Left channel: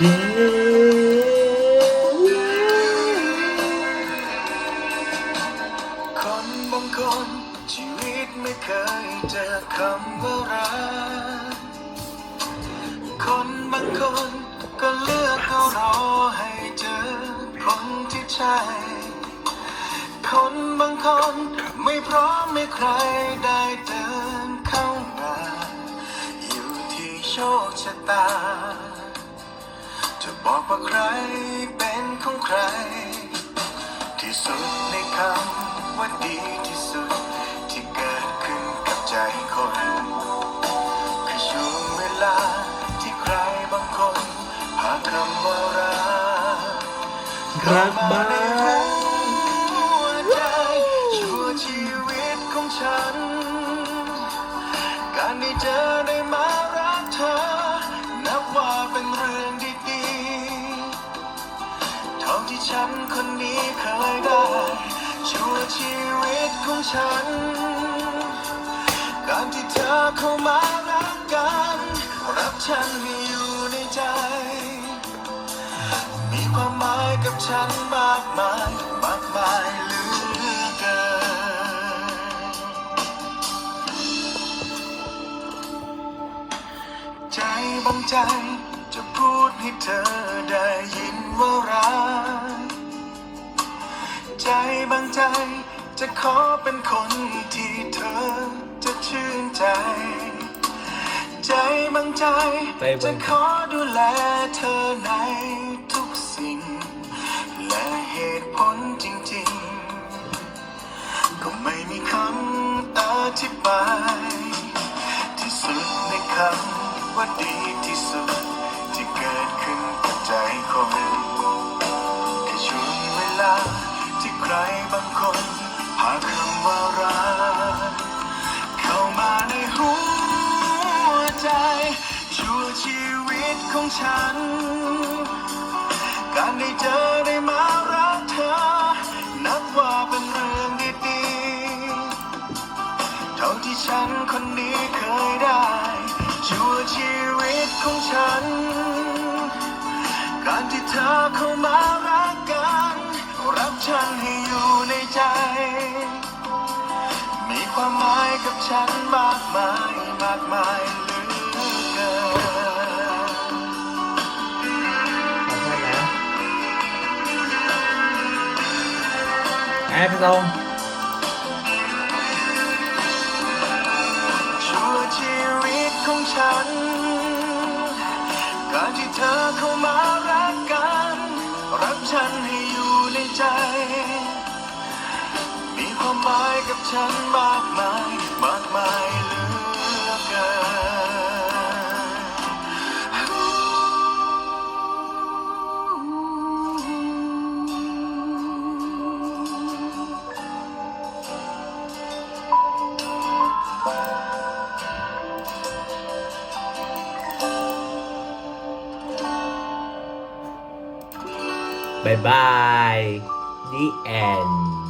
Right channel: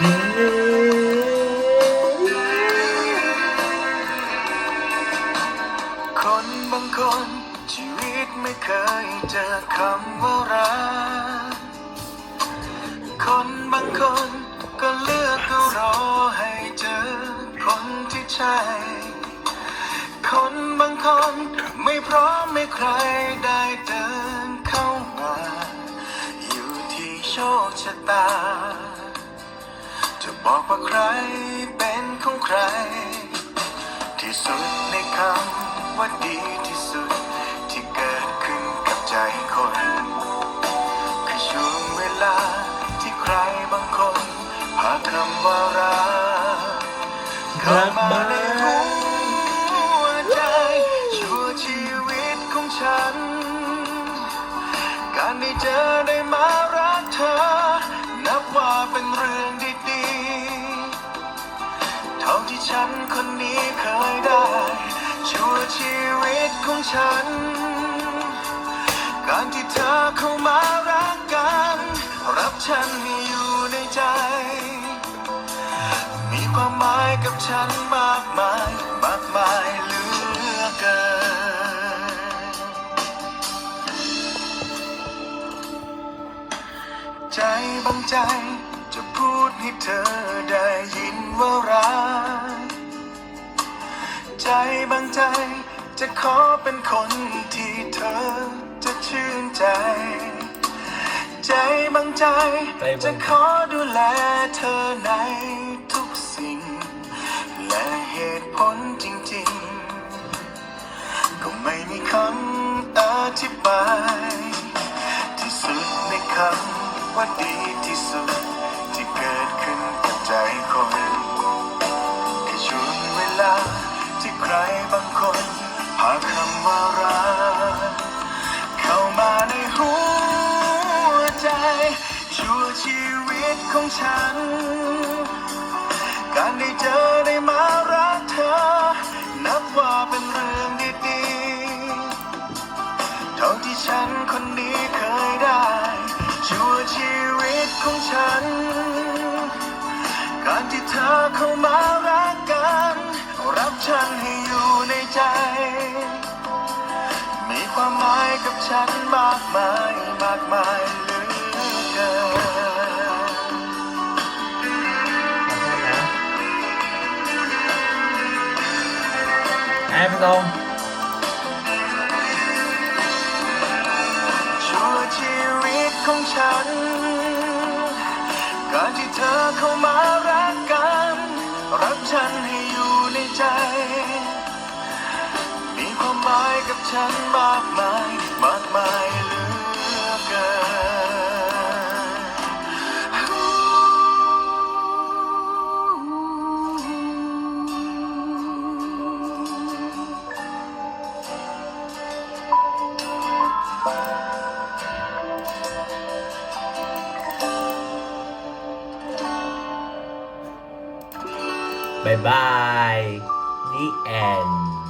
คนบางคนชีวิตไม่เคยเจอคำว่ารัก คนบางคนก็เลือกเขรอให้เจอคนที่ใช่ คนบางคนไม่พร้อมไม่ใครได้เดินเข้ามา อยู่ที่โชคชะตา บอกว่าใครเป็นของใคร ที่สุดในคำว่าดีที่สุด ที่เกิดขึ้นกับใจคนคือช่วงเวลาที่ใครบางคนหาคำว่ารักรักมาบ้าในหัวใจชั่วชีวิตของฉัน การได้เจอ ฉัน การที่เธอเข้ามารักกัน รับฉันให้อยู่ในใจ มีความหมายกับฉันมากมาย มากมายเหลือเกิน ใจบางใจจะพูดให้เธอได้ยินว่ารัก ใจบางใจ จะขอเป็นคนที่เธอจะชื่นใจ ใจบางใจใจบางจะขอดูแลเธอในทุกสิ่ง และเหตุผลจริงๆ ก็ไม่มีคำอธิบาย ที่สุดในคำว่าดีที่สุด ชีวิตของฉัน การได้เจอได้มารักเธอ นับว่าเป็นเรื่องดีๆเท่าที่ฉันคนนี้เคยได้ชั่วชีวิตของฉัน การที่เธอเข้ามา แอบลงชั่วชีวิตของฉันการที่เธอเข้ามารักกันรักฉันให้อยู่ในใจ มีความหมายกับฉันมากมายมากมายเลย บายบาย The end